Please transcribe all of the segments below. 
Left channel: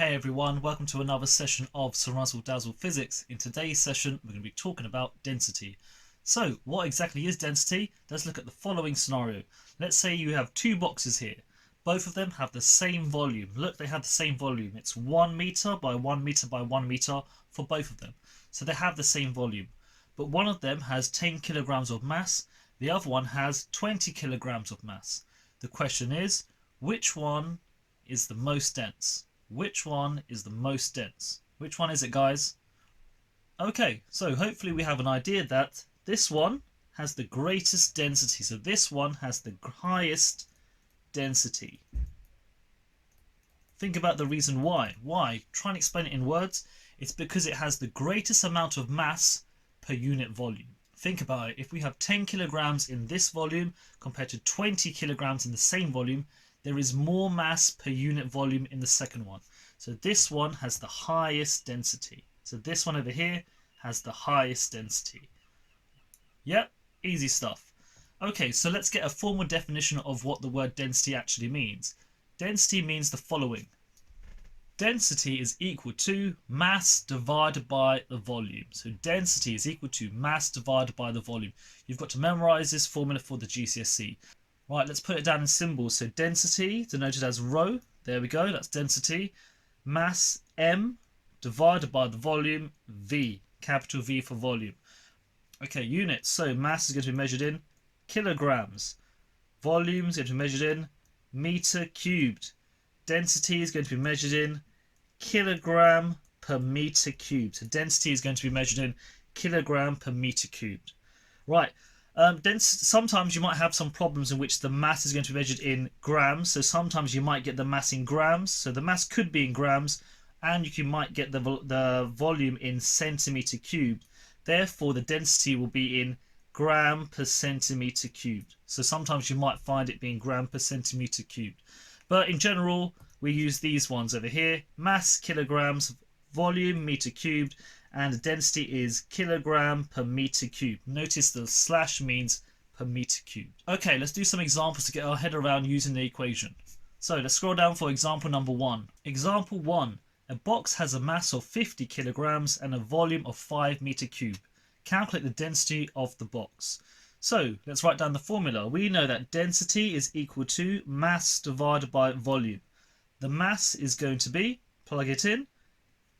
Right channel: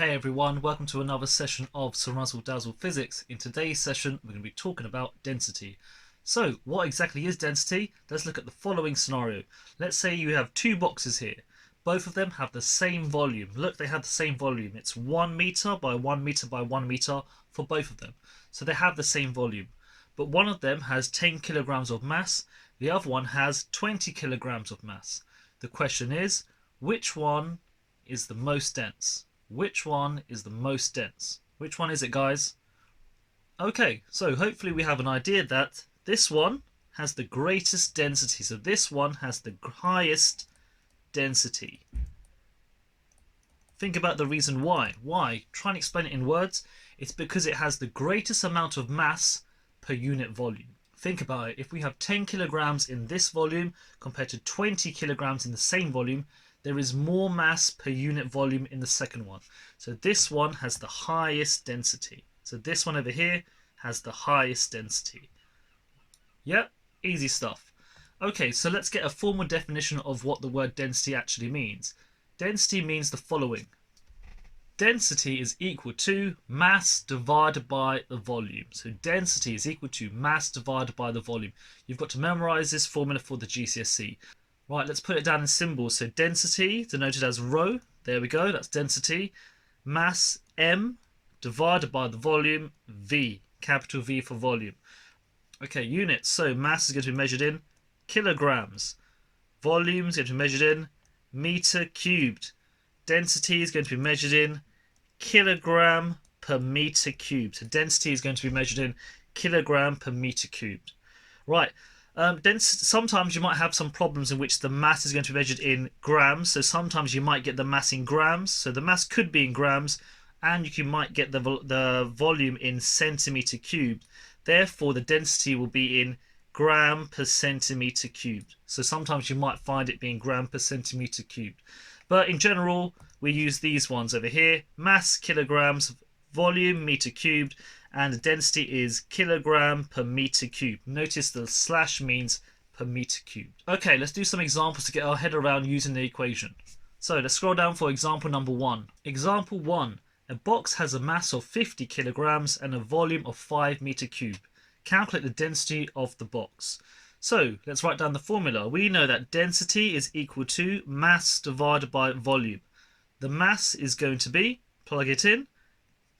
Hey everyone, welcome to another session of CeerazzleDazzle Physics. In today's session, we're going to be talking about density. So, what exactly is density? Let's look at the following scenario. Let's say you have two boxes here. Both of them have the same volume. Look, they have the same volume. It's 1 meter by 1 meter by 1 meter for both of them. So they have the same volume. But one of them has 10 kilograms of mass. The other one has 20 kilograms of mass. The question is, which one is the most dense? Which one is the most dense? Which one is it, guys? Okay, so hopefully we have an idea that this one has the greatest density. So this one has the highest density. Think about the reason why. Why? Try and explain it in words. It's because it has the greatest amount of mass per unit volume. Think about it. If we have 10 kilograms in this volume compared to 20 kilograms in the same volume, there is more mass per unit volume in the second one. So this one has the highest density. So this one over here has the highest density. Yep, easy stuff. Okay, so let's get a formal definition of what the word density actually means. Density means the following. Density is equal to mass divided by the volume. So density is equal to mass divided by the volume. You've got to memorize this formula for the GCSE. Right, let's put it down in symbols. So density, denoted as rho. There we go, that's density. Mass, M, divided by the volume, V. Capital V for volume. Okay, units. So mass is going to be measured in kilograms. Volume is going to be measured in meter cubed. Density is going to be measured in kilogram per meter cubed. So density is going to be measured in kilogram per meter cubed. Right. Sometimes you might have some problems in which the mass is going to be measured in grams. So sometimes you might get the mass in grams. So the mass could be in grams, and you might get the volume in centimeter cubed. Therefore, the density will be in gram per centimeter cubed. So sometimes you might find it being gram per centimeter cubed. But in general, we use these ones over here. Mass, kilograms, volume, meter cubed, and the density is kilogram per meter cubed. Notice the slash means per meter cubed. Okay, let's do some examples to get our head around using the equation. So let's scroll down for example number 1. Example 1. A box has a mass of 50 kilograms and a volume of 5 meter cubed. Calculate the density of the box. So let's write down the formula. We know that density is equal to mass divided by volume. The mass is going to be, plug it in,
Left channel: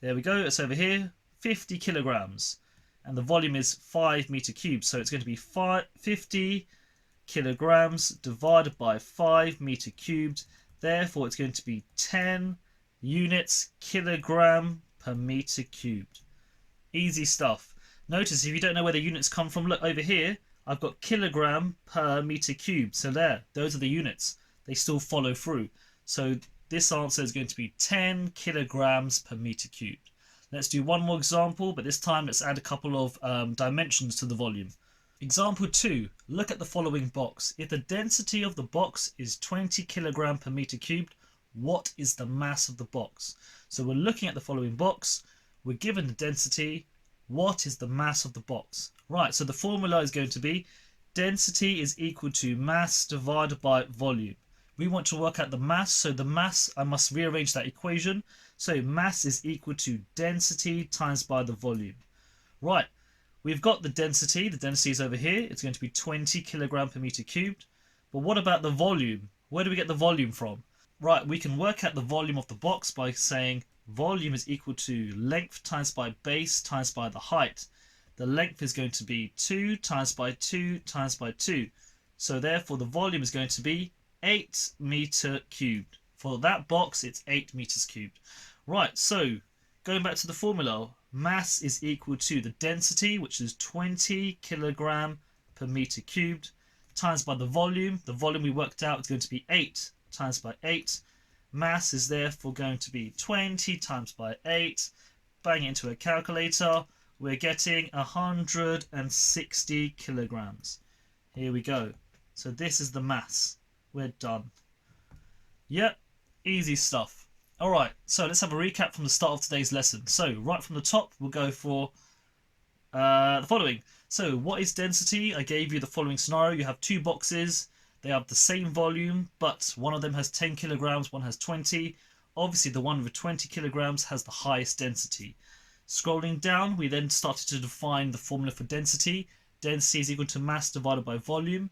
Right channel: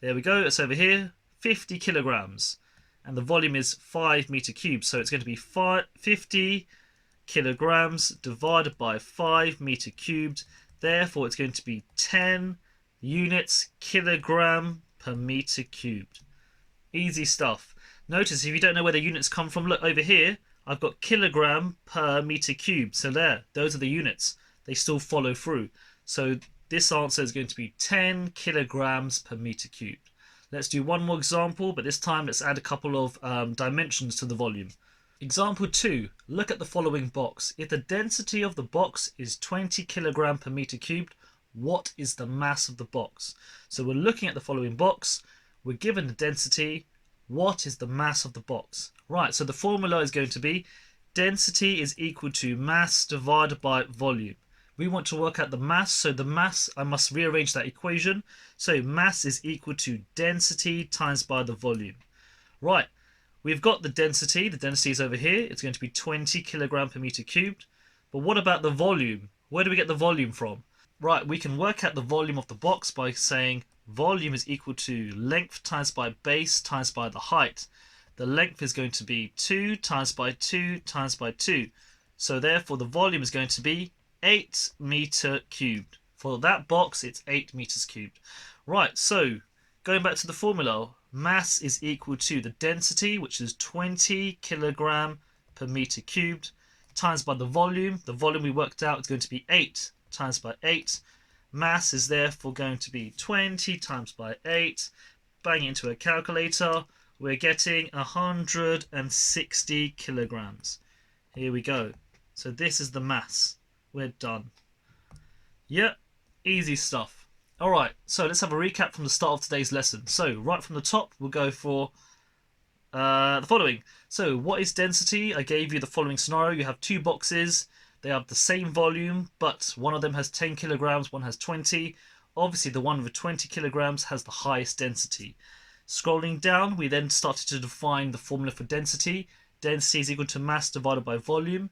there we go, it's over here, 50 kilograms, and the volume is 5 meter cubed, so it's going to be 50 kilograms divided by 5 meter cubed. Therefore it's going to be 10 units kilogram per meter cubed. Easy stuff. Notice if you don't know where the units come from, look over here, I've got kilogram per meter cubed, so there, those are the units. They still follow through. So this answer is going to be 10 kilograms per meter cubed. Let's do one more example, but this time let's add a couple of dimensions to the volume. Example 2. Look at the following box. If the density of the box is 20 kilogram per meter cubed, what is the mass of the box? So we're looking at the following box. We're given the density. What is the mass of the box? Right, so the formula is going to be density is equal to mass divided by volume. We want to work out the mass, so the mass, I must rearrange that equation. So mass is equal to density times by the volume. Right, we've got the density is over here. It's going to be 20 kilogram per meter cubed. But what about the volume? Where do we get the volume from? Right, we can work out the volume of the box by saying volume is equal to length times by base times by the height. The length is going to be 2 times by 2 times by 2. So therefore the volume is going to be 8 meter cubed. For that box, it's 8 meters cubed. Right, so going back to the formula, mass is equal to the density, which is 20 kilogram per meter cubed, times by the volume. The volume we worked out is going to be 8 times by 8. Mass is therefore going to be 20 times by 8. Bang it into a calculator. We're getting 160 kilograms. Here we go. So this is the mass. We're done. Yep, easy stuff. Alright, so let's have a recap from the start of today's lesson. So right from the top, we'll go for the following. So what is density? I gave you the following scenario. You have two boxes. They have the same volume, but one of them has 10 kilograms, one has 20. Obviously the one with 20 kilograms has the highest density. Scrolling down, we then started to define the formula for density. Density is equal to mass divided by volume.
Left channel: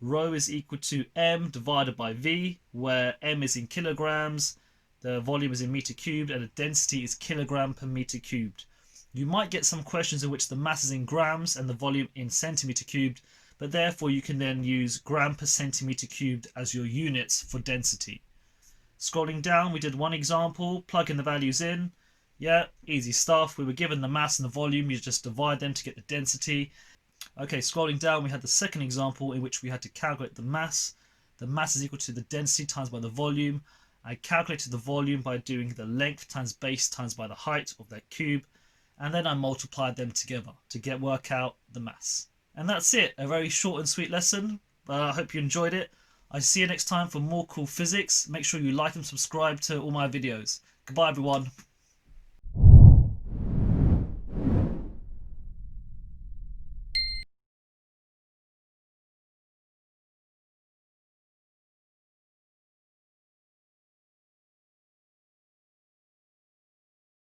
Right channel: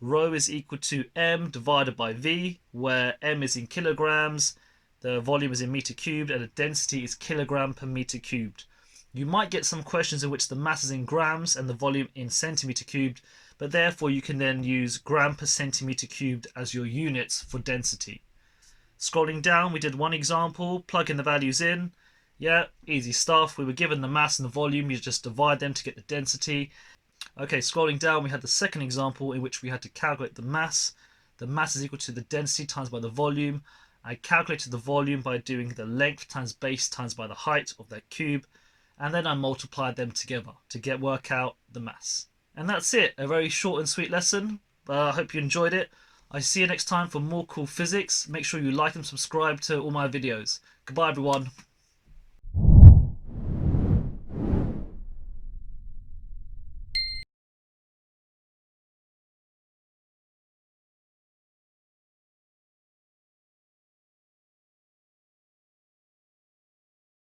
Rho is equal to m divided by v, where m is in kilograms, the volume is in meter cubed, and the density is kilogram per meter cubed. You might get some questions in which the mass is in grams and the volume in centimeter cubed, but therefore you can then use gram per centimeter cubed as your units for density. Scrolling down, we did one example, plug in the values in. Yeah, easy stuff. We were given the mass and the volume, you just divide them to get the density. Okay, scrolling down, we had the second example in which we had to calculate the mass. The mass is equal to the density times by the volume. I calculated the volume by doing the length times base times by the height of that cube, and then I multiplied them together to work out the mass. And that's it, a very short and sweet lesson, but I hope you enjoyed it. I'll see you next time for more cool physics. Make sure you like and subscribe to all my videos. Goodbye everyone.